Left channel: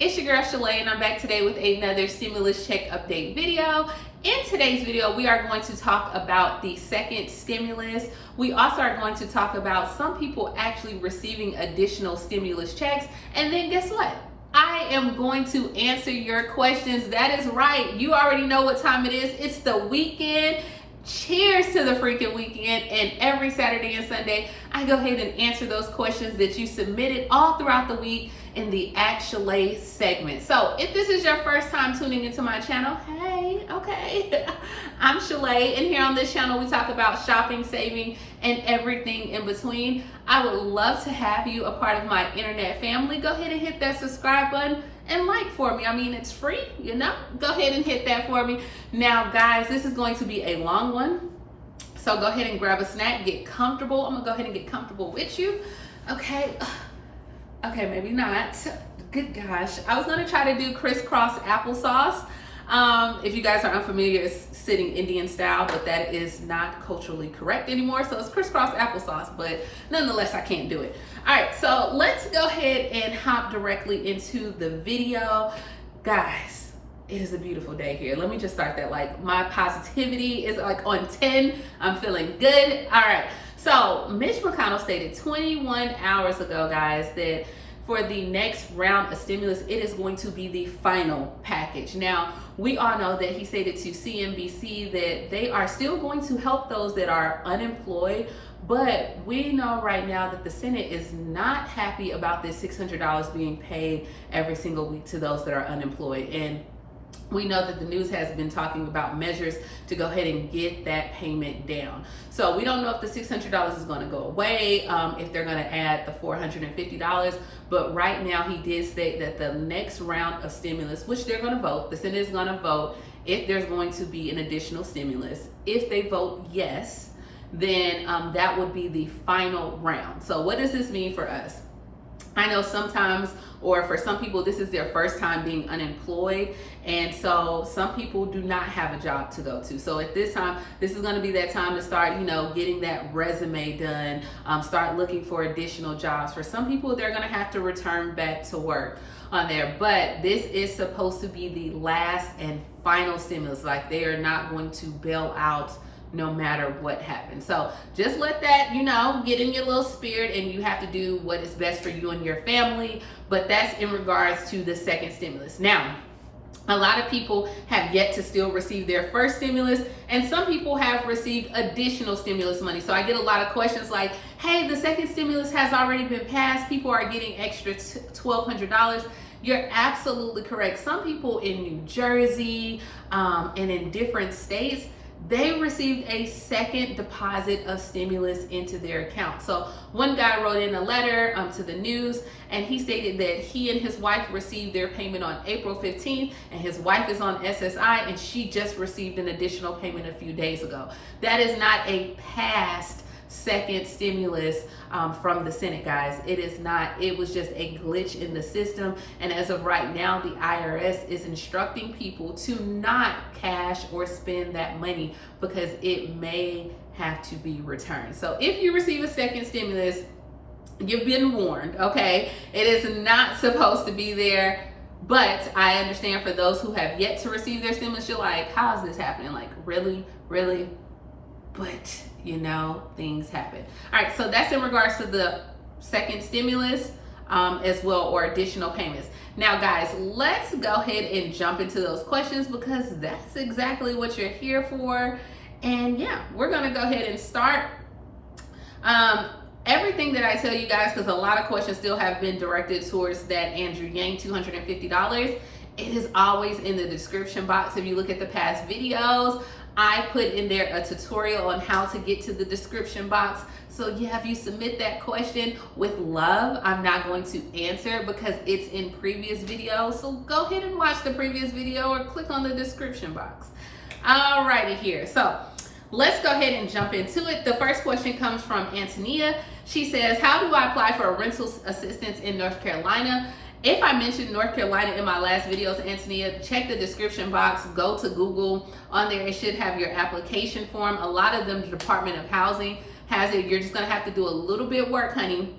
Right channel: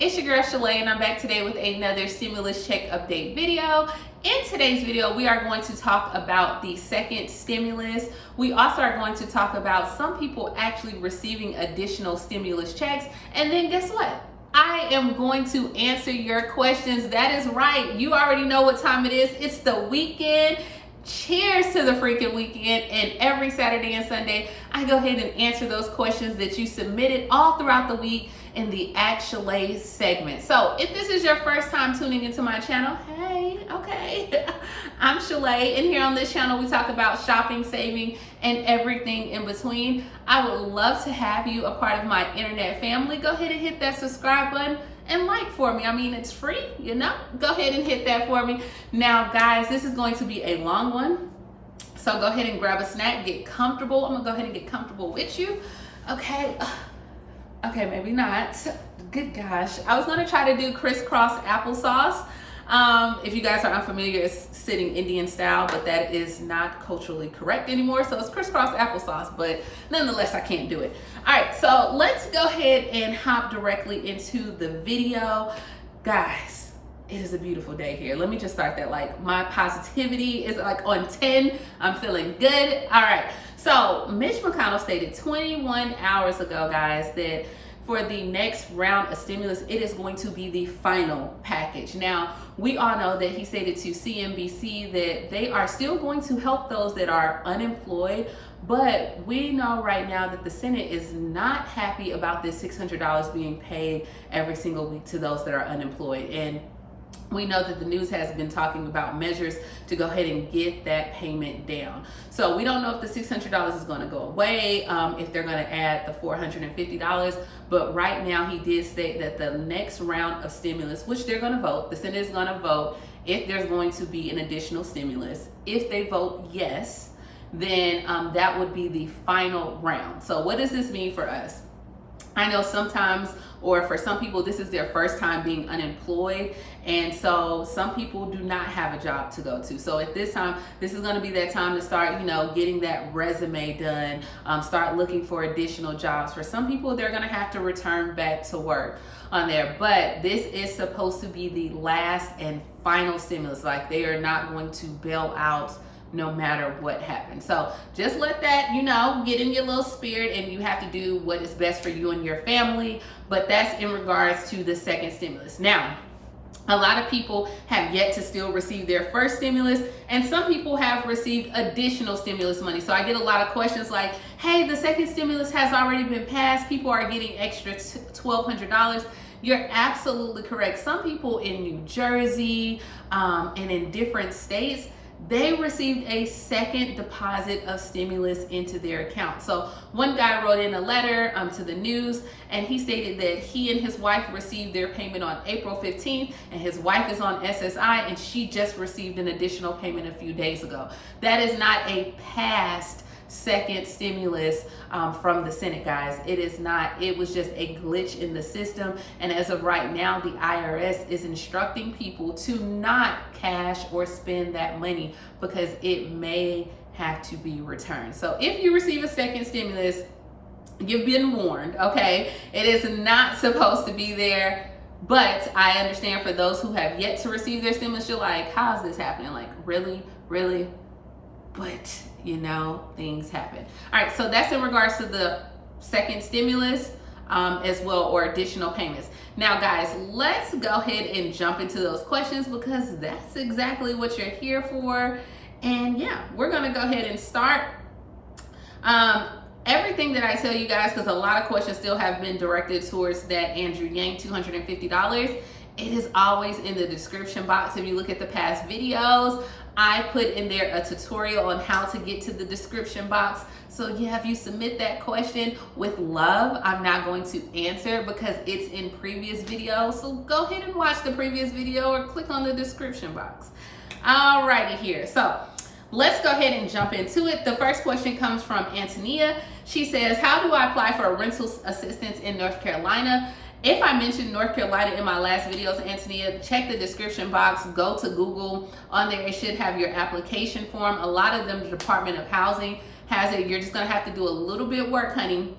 It's your girl Shalae, and I'm back today with another stimulus check update video. In today's video, we are going to talk about the second stimulus. We also are going to talk about some people actually receiving additional stimulus checks. And then guess what? I am going to answer your questions. That is right. You already know what time it is. It's the weekend. Cheers to the freaking weekend. And every Saturday and Sunday, I go ahead and answer those questions that you submitted all throughout the week in the Ask Shalae segment. So if this is your first time tuning into my channel, hey, okay. I'm Shalae, and here on this channel we talk about shopping, saving, and everything in between. I would love to have you a part of my internet family. Go ahead and hit that subscribe button and like for me. I mean, it's free, you know? Go ahead and hit that for me. Now, guys, this is going to be a long one, so go ahead and grab a snack, get comfortable. I'm gonna go ahead and get comfortable with you, okay? Okay, maybe not. Good gosh. I was gonna try to do crisscross applesauce. If you guys are unfamiliar, it's sitting Indian style, but that is not culturally correct anymore. So it's crisscross applesauce, but nonetheless, I can't do it. All right, so let's go ahead and hop directly into the video. Guys, it is a beautiful day here. Let me just start that. Like, my positivity is like on 10. I'm feeling good. All right. So Mitch McConnell stated 21 hours ago, guys, that for the next round of stimulus, it is going to be the final package. Now, we all know that he stated to CNBC that they are still going to help those that are unemployed, but we know right now that the Senate is not happy about this $600 being paid every single week to those that are unemployed. And we know that the news has been talking about measures to go ahead and get that payment down. So we don't know if the $600 is going to go away, if they're going to add the $450. But right now he did state that the next round of stimulus, which they're going to vote, the Senate is going to vote if there's going to be an additional stimulus. If they vote yes, then that would be the final round. So what does this mean for us? I know sometimes, or for some people, this is their first time being unemployed. And so some people do not have a job to go to. So at this time, this is going to be that time to start, getting that resume done, start looking for additional jobs. For some people, they're going to have to return back to work on there. But this is supposed to be the last and final stimulus. Like, they are not going to bail out no matter what happens. So just let that, get in your little spirit, and you have to do what is best for you and your family. But that's in regards to the second stimulus. Now, a lot of people have yet to still receive their first stimulus, and some people have received additional stimulus money. So I get a lot of questions like, hey, the second stimulus has already been passed. People are getting extra $1,200. You're absolutely correct. Some people in New Jersey and in different states, they received a second deposit of stimulus into their account. So one guy wrote in a letter to the news, and he stated that he and his wife received their payment on April 15th, and his wife is on SSI, and she just received an additional payment a few days ago. That is not a past second stimulus from the Senate, guys. It is not. It was just a glitch in the system, and as of right now, the IRS is instructing people to not cash or spend that money because it may have to be returned. So if you receive a second stimulus, you've been warned, okay? It is not supposed to be there. But I understand for those who have yet to receive their stimulus, you're like, how is this happening? Like, really? But things happen. All right, so that's in regards to the second stimulus as well, or additional payments. Now, guys, let's go ahead and jump into those questions, because that's exactly what you're here for. And yeah, we're gonna go ahead and start. Everything that I tell you guys, because a lot of questions still have been directed towards that Andrew Yang $250. It is always in the description box. If you look at the past videos, I put in there a tutorial on how to get to the description box. So yeah, if you submit that question with love, I'm not going to answer because it's in previous videos. So go ahead and watch the previous video or click on the description box. Alrighty here. So let's go ahead and jump into it. The first question comes from Antonia. She says, how do I apply for a rental assistance in North Carolina? If I mentioned North Carolina in my last videos, Antonia, check the description box, go to Google. On there, it should have your application form. A lot of them, the Department of Housing has it. You're just gonna have to do a little bit of work, honey,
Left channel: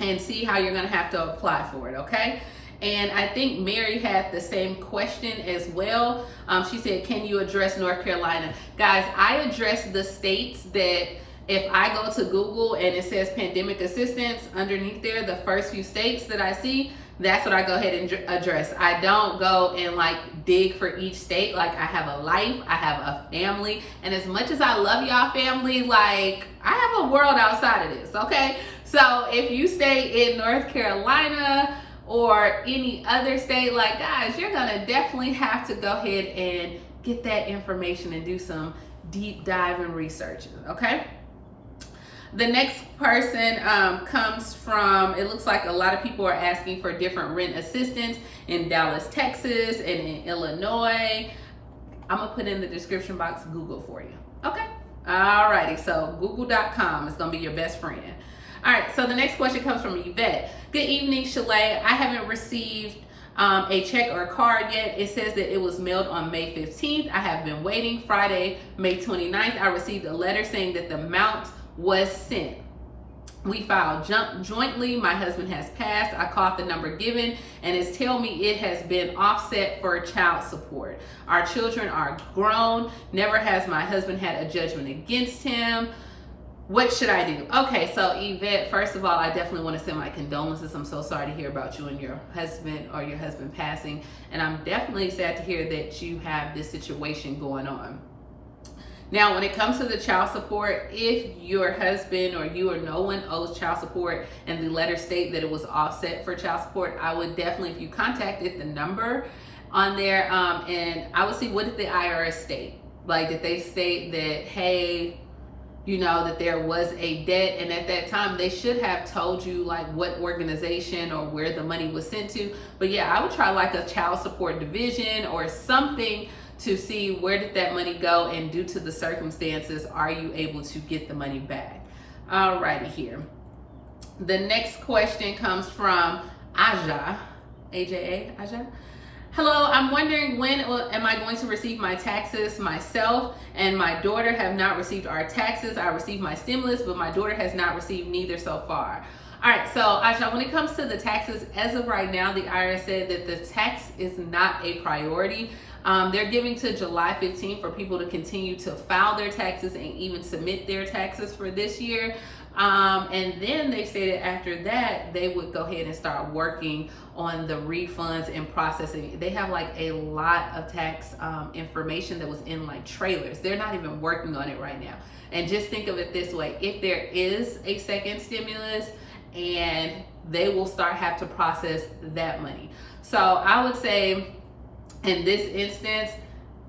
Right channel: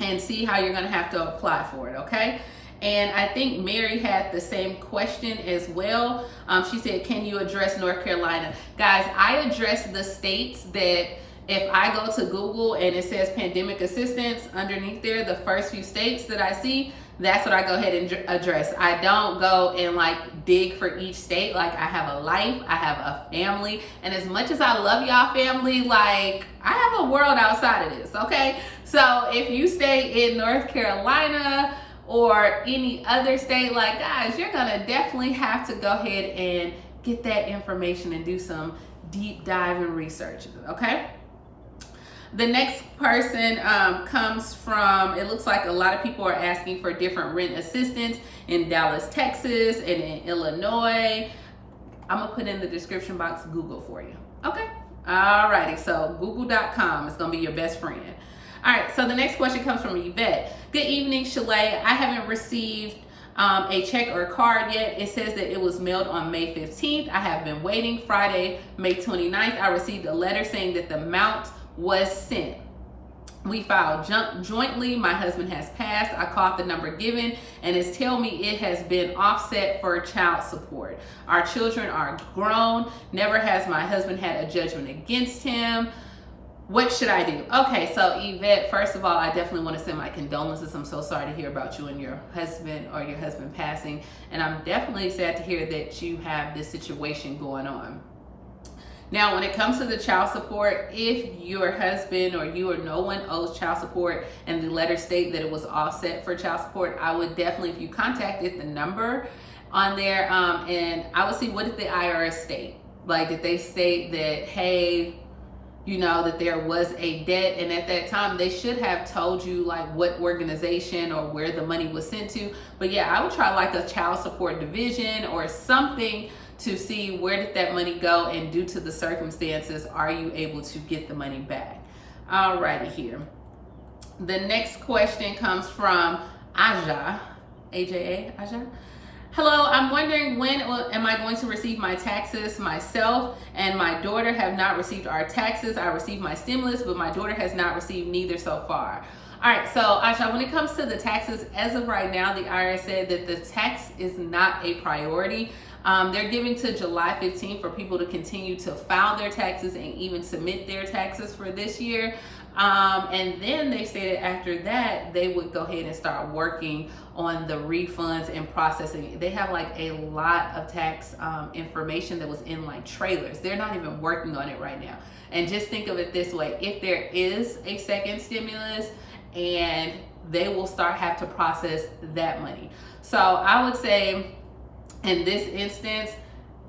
and see how you're gonna have to apply for it, okay? And I think Mary had the same question as well. She said, can you address North Carolina? Guys, I address the states that if I go to Google and it says pandemic assistance underneath there, the first few states that I see, that's what I go ahead and address. I don't go and like dig for each state. Like, I have a life, I have a family, and as much as I love y'all family, like, I have a world outside of this, okay? So if you stay in North Carolina or any other state, like, guys, you're gonna definitely have to go ahead and get that information and do some deep dive and research, okay? The next person comes from, it looks like a lot of people are asking for different rent assistance in Dallas, Texas, and in Illinois. I'm gonna put in the description box Google for you, okay? Alrighty, so google.com is gonna be your best friend. All right, so the next question comes from Yvette. Good evening, Shalae. I haven't received a check or a card yet. It says that it was mailed on May 15th. I have been waiting. Friday, May 29th, I received a letter saying that the amount was sent. We filed jointly. My husband has passed. I called the number given and it's telling me it has been offset for child support. Our children are grown. Never has my husband had a judgment against him. What should I do? Okay, so Yvette, first of all, I definitely want to send my condolences. I'm so sorry to hear about you and your husband or your husband passing. And I'm definitely sad to hear that you have this situation going on. Now, when it comes to the child support, if your husband or you or no one owes child support and the letter state that it was offset for child support, I would definitely, if you contacted the number on there, and I would see, what did the IRS state? Like, did they state that, hey, you know, that there was a debt, and at that time they should have told you like what organization or where the money was sent to. But yeah, I would try like a child support division or something to see where did that money go, and due to the circumstances, are you able to get the money back? Alrighty here. The next question comes from Aja, AJA, Aja. Hello, I'm wondering when am I going to receive my taxes? Myself and my daughter have not received our taxes. I received my stimulus, but my daughter has not received neither so far. All right, so Aisha, when it comes to the taxes, as of right now, the IRS said that the tax is not a priority. They're giving to July 15th for people to continue to file their taxes and even submit their taxes for this year. And then they stated after that, they would go ahead and start working on the refunds and processing. They have like a lot of tax information that was in like trailers. They're not even working on it right now. And just think of it this way, if there is a second stimulus, and they will have to process that money. So I would say in this instance,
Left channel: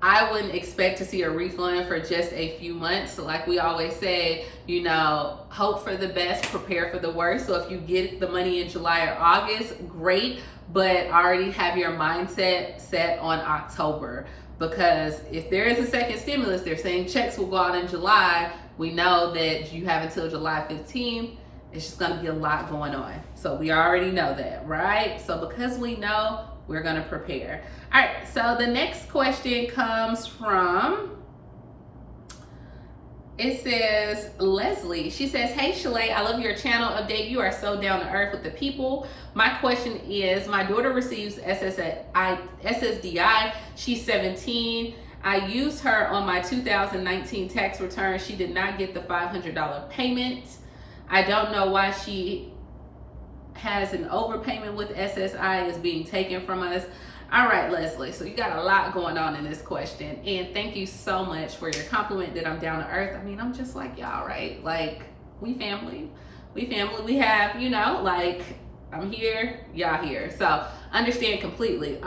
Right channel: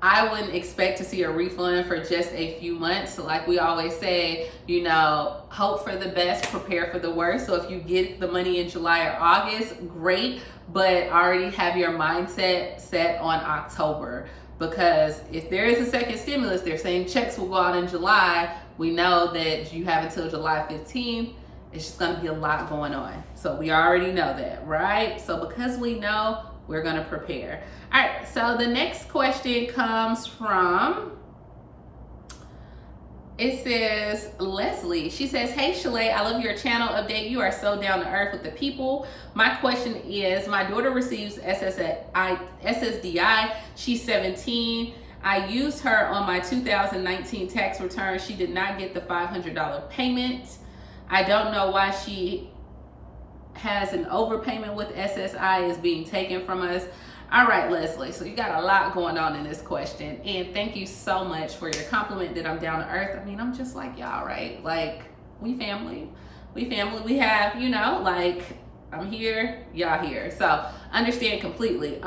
I wouldn't expect to see a refund for just a few months. So like we always say, you know, hope for the best, prepare for the worst. So if you get the money in July or August, great, but already have your mindset set on October. Because if there is a second stimulus, they're saying checks will go out in July. We know that you have until July 15th. It's just gonna be a lot going on. So we already know that, right? So because we know, we're gonna prepare. All right, so the next question comes from, it says, Leslie. She says, hey Shalae, I love your channel update. You are so down to earth with the people. My question is, my daughter receives SSDI. She's 17. I used her on my 2019 tax return. She did not get the $500 payment. I don't know why she has an overpayment with SSI is being taken from us. All right, Leslie, so you got a lot going on in this question. And thank you so much for your compliment that I'm down to earth. I mean, I'm just like y'all, right? Like, we family. We have, you know, like, I'm here, y'all here. So understand completely.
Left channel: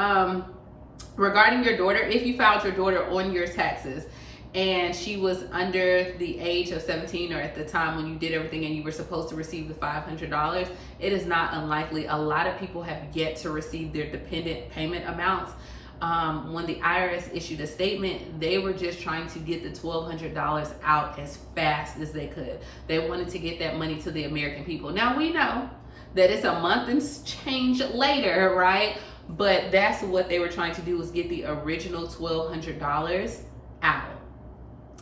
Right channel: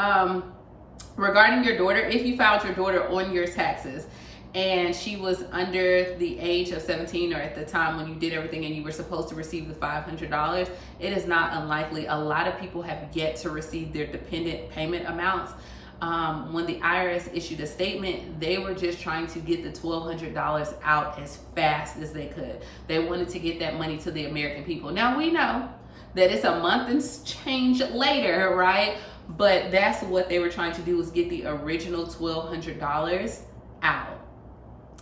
Regarding your daughter, if you filed your daughter on your taxes, and she was under the age of 17 or at the time when you did everything and you were supposed to receive the $500, it is not unlikely. A lot of people have yet to receive their dependent payment amounts. When the IRS issued a statement, they were just trying to get the $1,200 out as fast as they could. They wanted to get that money to the American people. Now we know that it's a month and change later, right? But that's what they were trying to do, was get the original $1,200 out.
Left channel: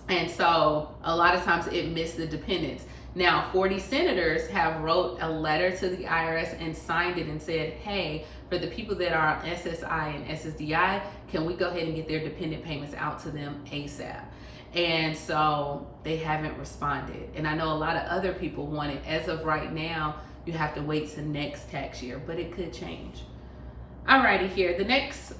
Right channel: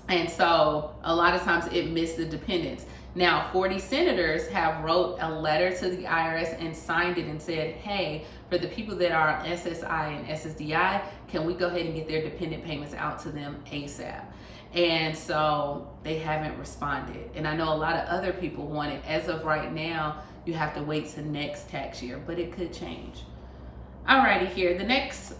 And so a lot of times it missed the dependents. Now, 40 senators have wrote a letter to the IRS and signed it and said, hey, for the people that are on SSI and SSDI, can we go ahead and get their dependent payments out to them ASAP? And so they haven't responded. And I know a lot of other people want it. As of right now, you have to wait to next tax year, but it could change. Alrighty, here. The next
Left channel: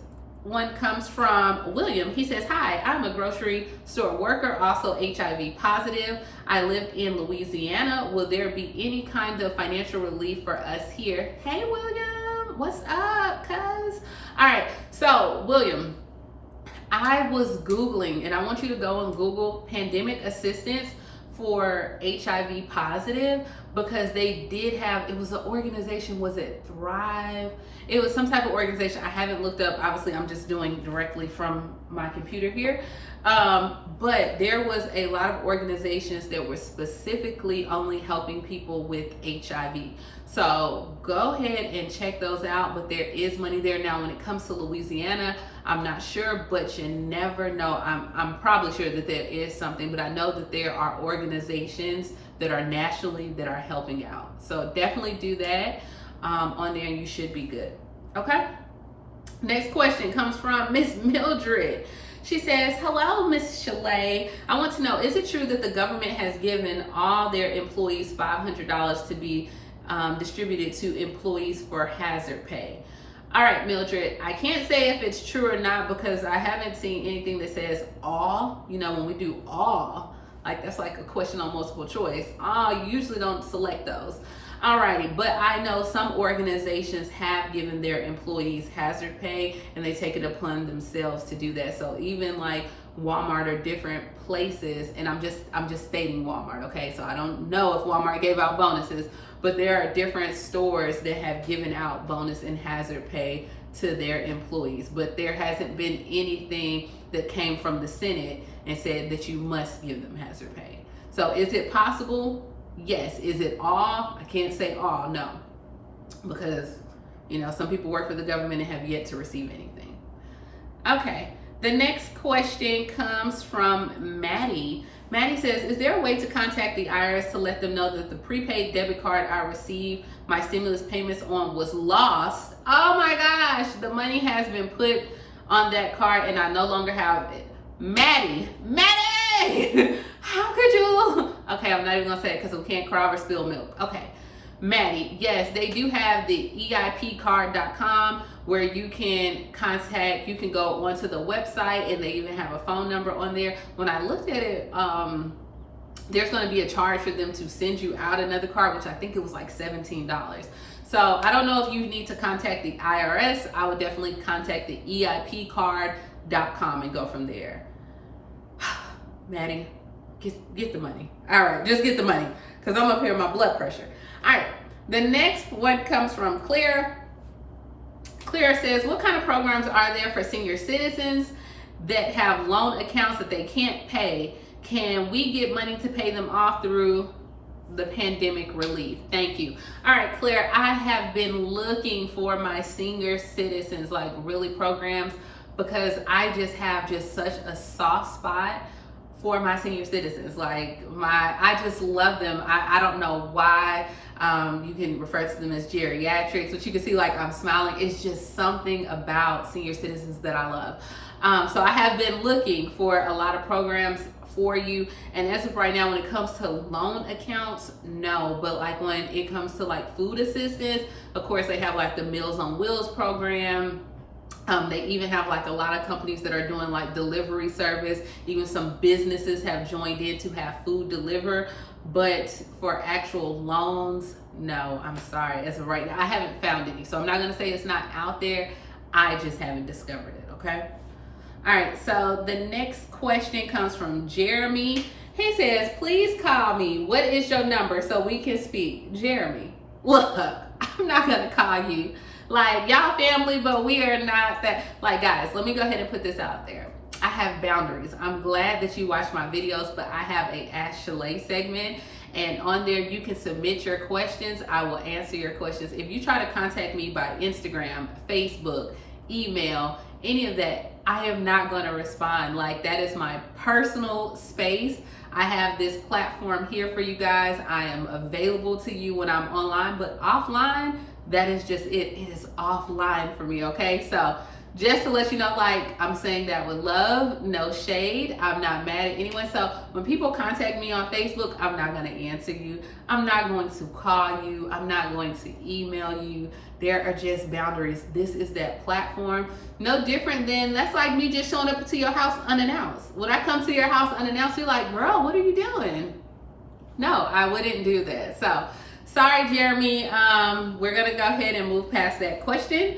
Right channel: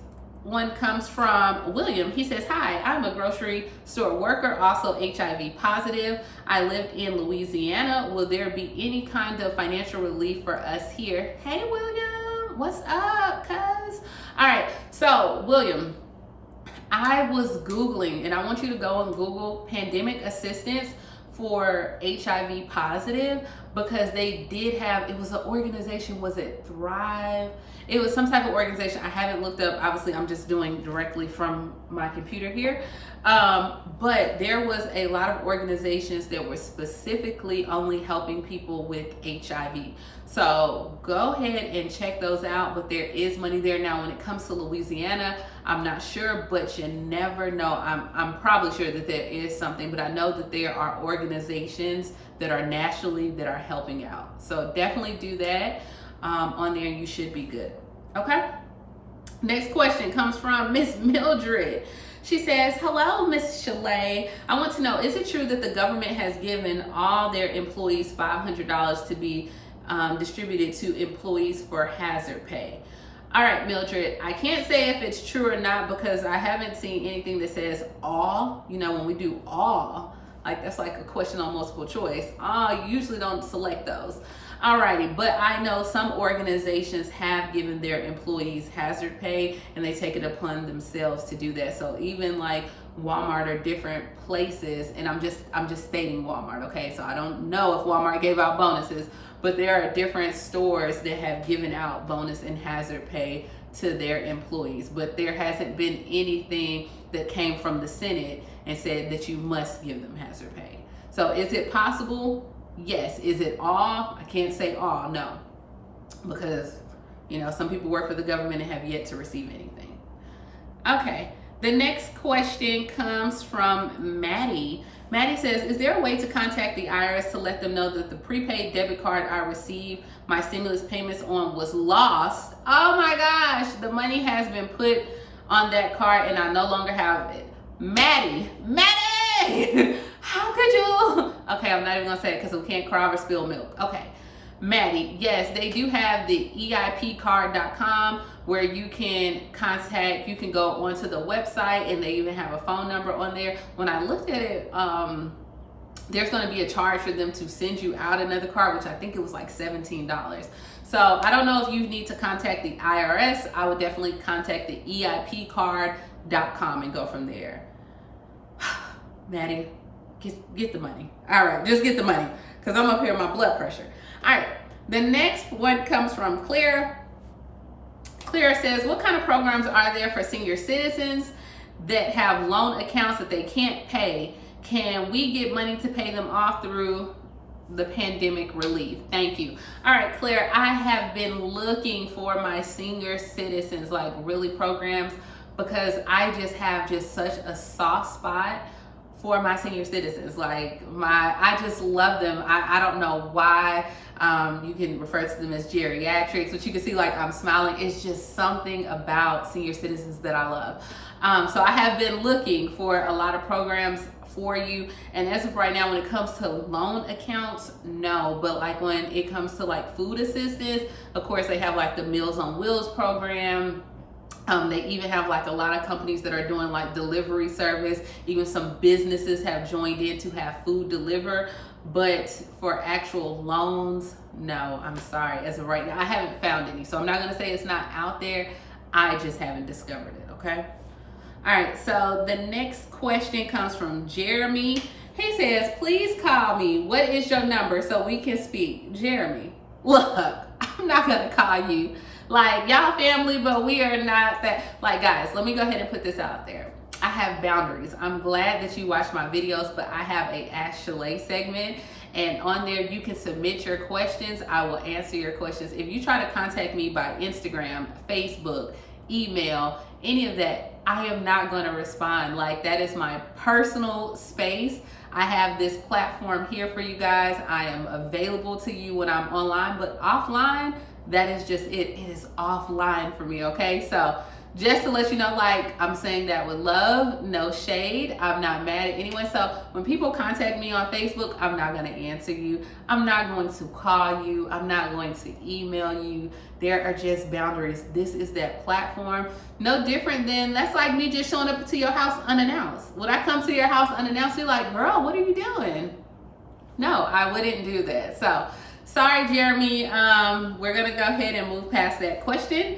one comes from William. He says, hi, I'm a grocery store worker, also HIV positive. I live in Louisiana. Will there be any kind of financial relief for us here? Hey, William, what's up, cuz? All right, so William, I was Googling, and I want you to go and Google pandemic assistance for HIV positive, because they did have, it was an organization, was it Thrive? It was some type of organization. I haven't looked up, obviously I'm just doing directly from my computer here. But there was a lot of organizations that were specifically only helping people with HIV. So go ahead and check those out, but there is money there. Now, when it comes to Louisiana, I'm not sure, but you never know. I'm probably sure that there is something, but I know that there are organizations that are nationally that are helping out. So definitely do that on there and you should be good. Okay. Next question comes from Miss Mildred. She says, hello, Miss Shalae. I want to know, is it true that the government has given all their employees $500 to be distributed to employees for hazard pay? All right, Mildred, I can't say if it's true or not because I haven't seen anything that says all. You know, when we do all, like that's like a question on multiple choice. You usually don't select those. Alrighty, but I know some organizations have given their employees hazard pay and they take it upon themselves to do that. So even like Walmart or different places, and I'm just stating Walmart, okay? So I don't know if Walmart gave out bonuses, but there are different stores that have given out bonus and hazard pay to their employees. But there hasn't been anything that came from the Senate and said that you must give them hazard pay. So is it possible? Yes. Is it all? I can't say all, no. Because, you know, some people work for the government and have yet to receive anything. Okay. The next question comes from Maddie. Maddie says, is there a way to contact the IRS to let them know that the prepaid debit card I received my stimulus payments on was lost? Oh my gosh, the money has been put on that card and I no longer have it. Maddie, how could you? Okay, I'm not even gonna say it because we can't cry over spilled milk. Okay, Maddie, yes, they do have the EIPcard.com where you can contact, you can go onto the website and they even have a phone number on there. When I looked at it, there's going to be a charge for them to send you out another card, which I think it was like $17. So I don't know if you need to contact the IRS. I would definitely contact the EIPcard.com and go from there. Maddie, get the money. All right, just get the money because I'm up here with my blood pressure. All right, the next one comes from Claire. Claire says, what kind of programs are there for senior citizens that have loan accounts that they can't pay? Can we get money to pay them off through the pandemic relief? Thank you. All right, Claire, I have been looking for my senior citizens, like really programs, because I just have such a soft spot for my senior citizens. Like I just love them. I don't know why. You can refer to them as geriatrics, but you can see like I'm smiling. It's just something about senior citizens that I love. So I have been looking for a lot of programs for you. And as of right now, when it comes to loan accounts, no. But like when it comes to like food assistance, of course they have like the Meals on Wheels program. They even have like a lot of companies that are doing like delivery service. Even some businesses have joined in to have food deliver. But for actual loans, no, I'm sorry. As of right now, I haven't found any. So I'm not gonna say it's not out there. I just haven't discovered it, okay? All right, so the next question comes from Jeremy. He says, please call me. What is your number so we can speak? Jeremy, look, I'm not gonna call you. Like, y'all family, but we are not that. Like, guys, let me go ahead and put this out there. I have boundaries. I'm glad that you watch my videos, but I have a Ask Shalae segment, and on there you can submit your questions. I will answer your questions. If you try to contact me by Instagram, Facebook, email, any of that, I am not going to respond. Like, that is my personal space. I have this platform here for you guys. I am available to you when I'm online, but offline, that is just it. It is offline for me, okay? So just to let you know, like, I'm saying that with love, no shade. I'm not mad at anyone. So when people contact me on Facebook, I'm not going to answer you. I'm not going to call you. I'm not going to email you. There are just boundaries. This is that platform. No different than, that's like me just showing up to your house unannounced. When I come to your house unannounced, you're like, girl, what are you doing? No, I wouldn't do that. So sorry, Jeremy. We're going to go ahead and move past that question.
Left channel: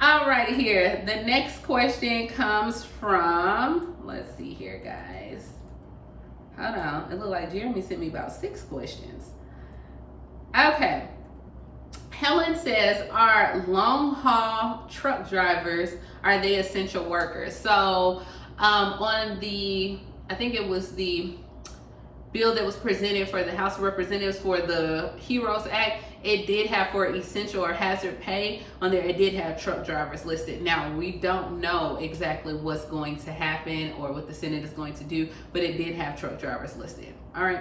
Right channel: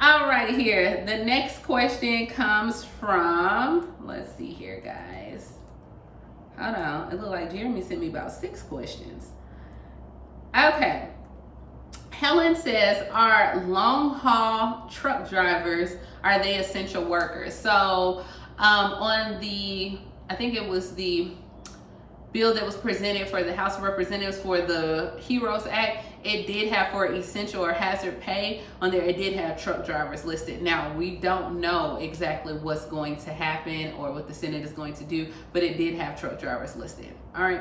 All right, here. The next question comes from, let's see here, guys. Hold on. It looked like Jeremy sent me about 6 questions. Okay. Helen says, are long haul truck drivers, are they essential workers? So on the, I think it was the bill that was presented for the House of Representatives for the HEROES Act, it did have for essential or hazard pay on there, it did have truck drivers listed. Now, we don't know exactly what's going to happen or what the Senate is going to do, but it did have truck drivers listed. All right.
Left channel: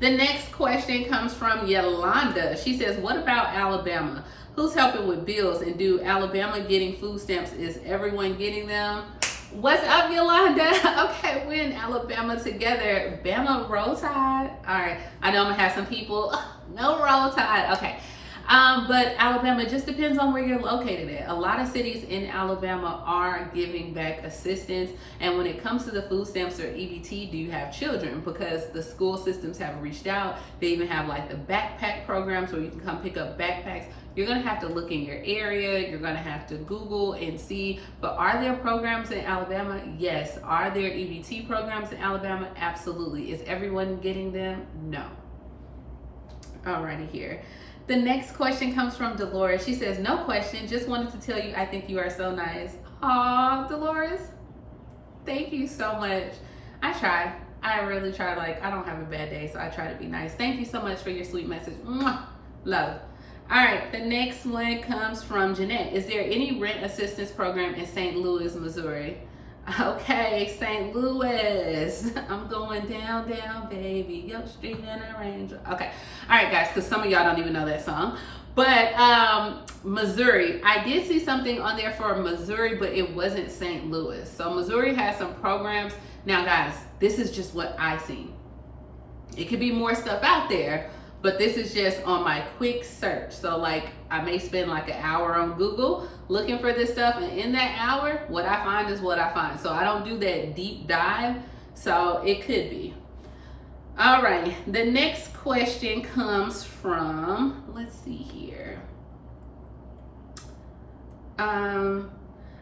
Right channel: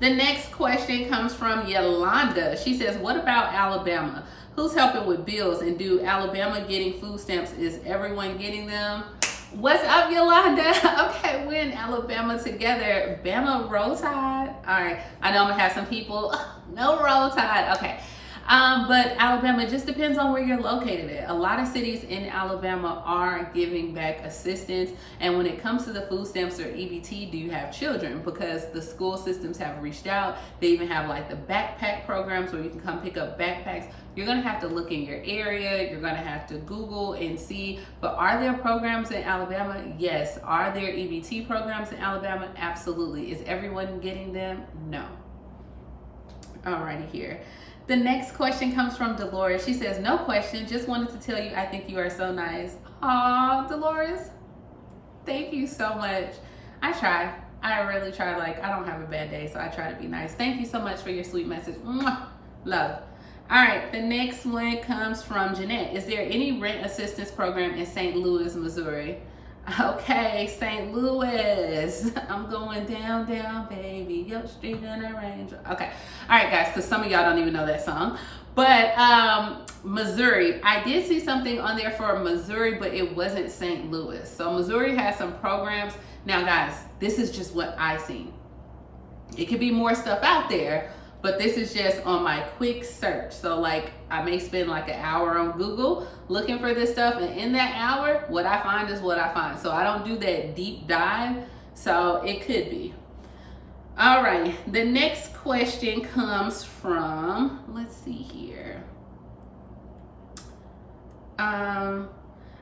The next question comes from Yolanda. She says, what about Alabama? Who's helping with bills? And do Alabama getting food stamps? Is everyone getting them? What's up, Yolanda? Okay, we're in Alabama together. Bama, Roll Tide. All right, I know I'm gonna have some people, no Roll Tide. Okay, but Alabama, it just depends on where you're located at. A lot of cities in Alabama are giving back assistance. And when it comes to the food stamps or EBT, do you have children? Because the school systems have reached out. They even have like the backpack programs where you can come pick up backpacks. You're gonna have to look in your area. You're gonna have to Google and see, but are there programs in Alabama? Yes. Are there EBT programs in Alabama? Absolutely. Is everyone getting them? No. Alrighty here. The next question comes from Dolores. She says, no question, just wanted to tell you I think you are so nice. Aw, Dolores, thank you so much. I try. I really try. Like, I don't have a bad day, so I try to be nice. Thank you so much for your sweet message. Mwah. Love. All right, the next one comes from Jeanette. Is there any rent assistance program in St. Louis, Missouri? Okay, St. Louis. I'm going down, down, baby. Yo, street in a range. Okay. All right, guys, because some of y'all don't even know that song. But Missouri, I did see something on there for Missouri, but it wasn't St. Louis. So Missouri has some programs. Now, guys, this is just what I seen. It could be more stuff out there, but this is just on my quick search. So like I may spend like an hour on Google looking for this stuff, and in that hour, what I find is what I find. So I don't do that deep dive, so it could be. All right, the next question comes from, let's see here. All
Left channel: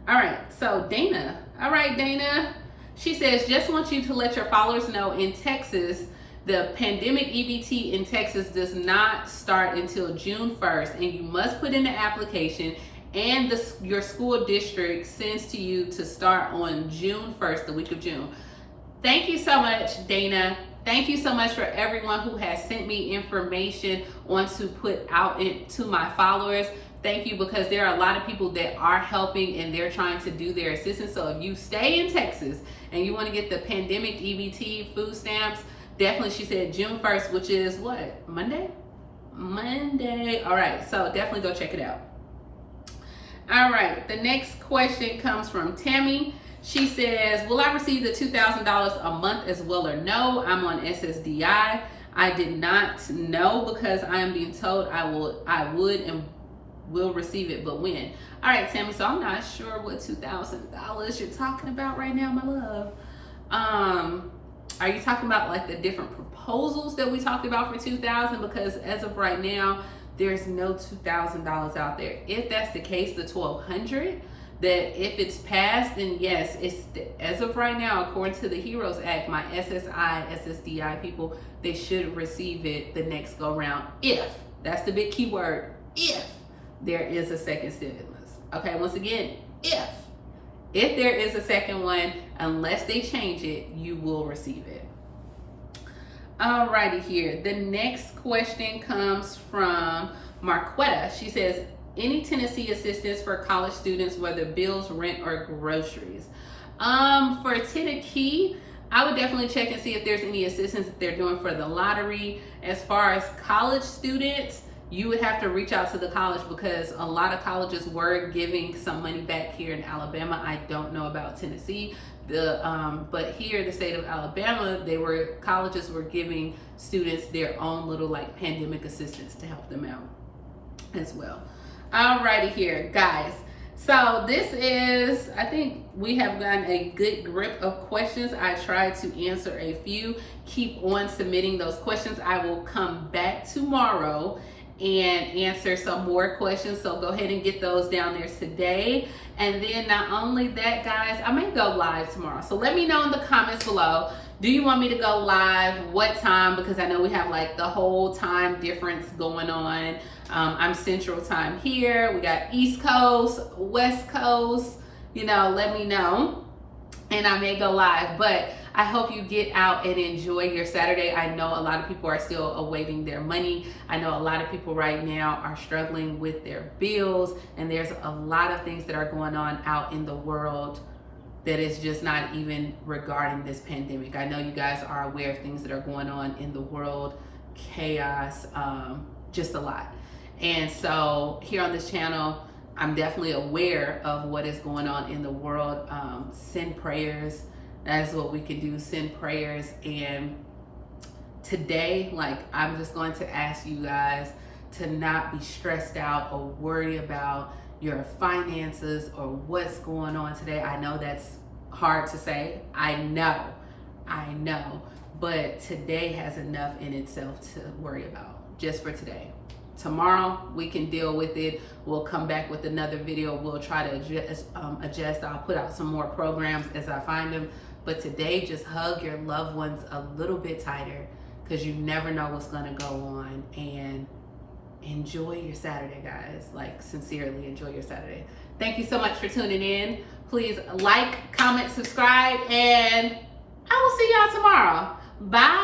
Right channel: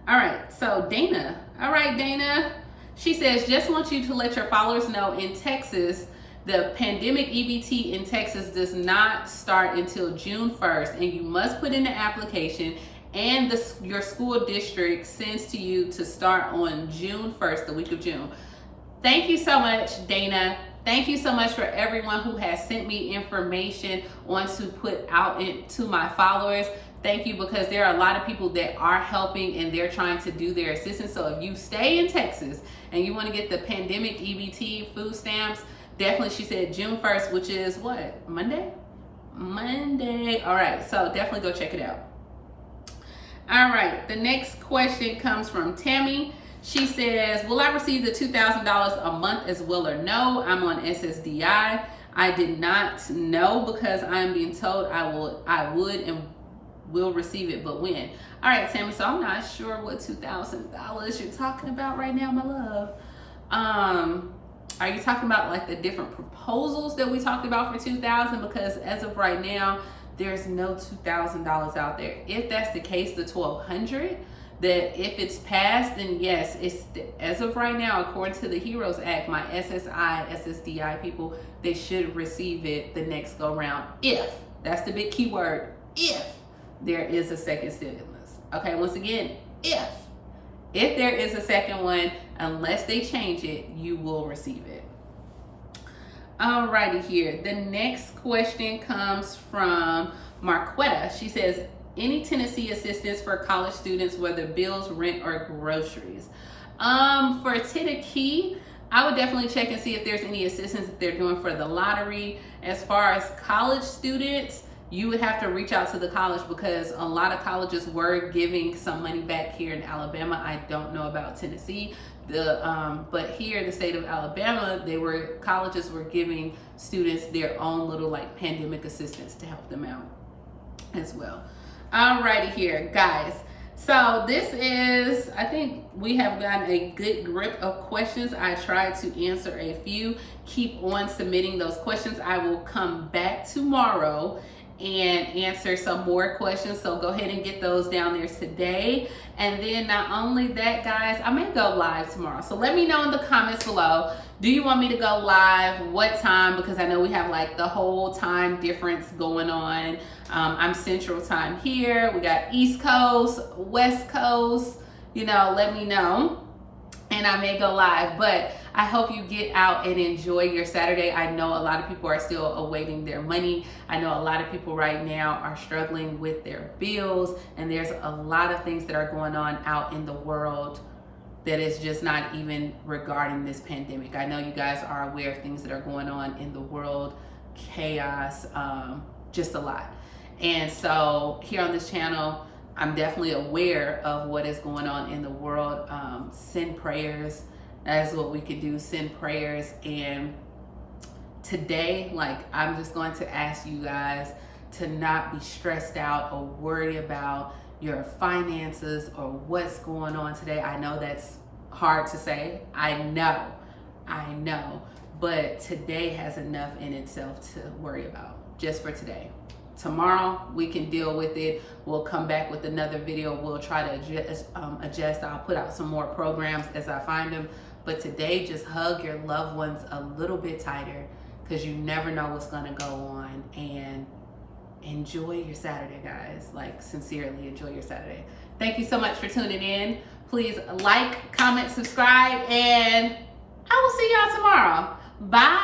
right, so Dana. All right, Dana. She says, just want you to let your followers know in Texas, the pandemic EBT in Texas does not start until June 1st, and you must put in the application, and your school district sends to you to start on June 1st, the week of June. Thank you so much, Dana. Thank you so much for everyone who has sent me information on to put out to my followers. Thank you, because there are a lot of people that are helping and they're trying to do their assistance. So if you stay in Texas and you want to get the pandemic EBT food stamps, definitely, she said June 1st, which is what? Monday? Monday. All right, so definitely go check it out. All right, the next question comes from Tammy. She says, will I receive the $2,000 a month as well or no? I'm on SSDI. I did not know because I am being told I would and will receive it, but when? All right, Tammy, so I'm not sure what $2,000 you're talking about right now, my love. Are you talking about like the different proposals that we talked about for $2,000? Because as of right now, there's no $2,000 out there. If that's the case, the $1,200, that if it's passed, then yes, it's as of right now, according to the HEROES Act, my SSI, SSDI people, they should receive it the next go round. If, that's the big key word, if there is a second stimulus. Okay, once again, if there is a second one, unless they change it, you will receive it. Alrighty here. The next question comes from Marquetta. She says, any Tennessee assistance for college students, whether bills, rent, or groceries? For Tennessee, I would definitely check and see if there's any assistance that they're doing for the lottery. As far as college students, you would have to reach out to the college because a lot of colleges were giving some money back here in Alabama. I don't know about Tennessee. But here, the state of Alabama, colleges were giving students their own little like pandemic assistance to help them out as well. Alrighty here, guys. So this is, I think we have gotten a good grip of questions. I tried to answer a few. Keep on submitting those questions. I will come back tomorrow and answer some more questions. So go ahead and get those down there today. And then not only that, guys, I may go live tomorrow. So let me know in the comments below. Do you want me to go live? What time? Because I know we have like the whole time difference going on. I'm Central Time here. We got East Coast, West Coast. You know, let me know. And I may go live. But I hope you get out and enjoy your Saturday. I know a lot of people are still awaiting their money. I know a lot of people right now are struggling with their bills, and there's a lot of things that are going on out in the world that is just not even regarding this pandemic. I know you guys are aware of things that are going on in the world, chaos, just a lot. And so here on this channel, I'm definitely aware of what is going on in the world. Send prayers. That is what we can do, send prayers. And today, like, I'm just going to ask you guys to not be stressed out or worry about your finances or what's going on today. I know that's hard to say. I know. But today has enough in itself to worry about, just for today. Tomorrow, we can deal with it. We'll come back with another video. We'll try to adjust. I'll put out some more programs as I find them. But today, just hug your loved ones a little bit tighter because you never know what's going to go on. And enjoy your Saturday, guys. Like, sincerely, enjoy your Saturday. Thank you so much for tuning in. Please like, comment, subscribe, and I will see y'all tomorrow. Bye.